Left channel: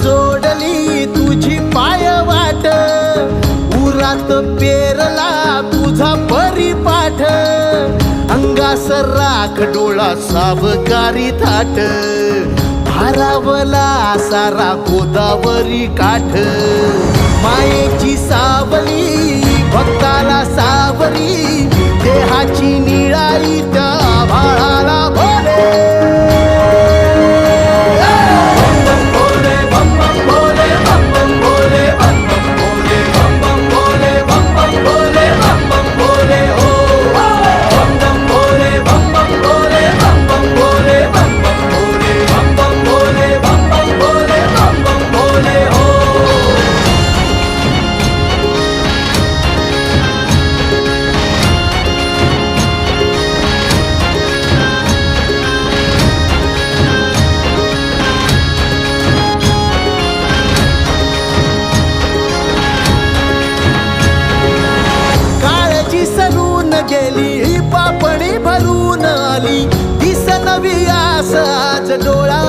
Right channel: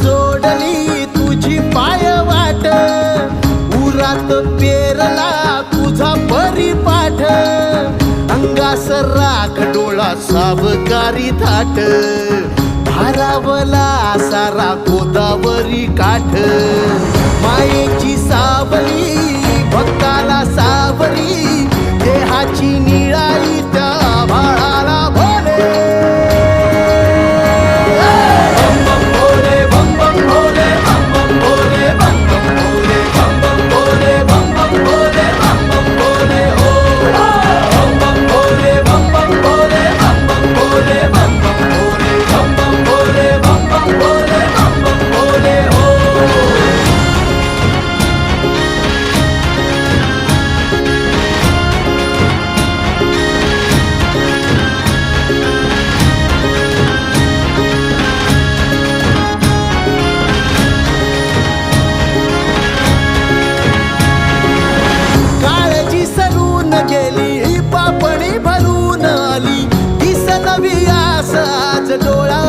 जोडली तुझी पाय वाट, उरात पेरला तुझा परिपाठ, अंगास राख डोळा सावकारी थाट, भारावला सारा गोदावरी काठ, मायेची सावली भक्ताला सावरी, देहाची निळाई त्या भाळाला भोले. बम बम भोले, बम बम भोले, बम बम भोले, बम बम भोले, बम बम भोले, बम बम भोले, बम बम भोले हो. बम बम भोले, बम बम भोले, बम बम भोले, बम बम भोले, बम बम भोले, बम बम भोले, बम बम भोले हो. सरून गेली पापणी भरून आली, दिस नवी आस आज डोळा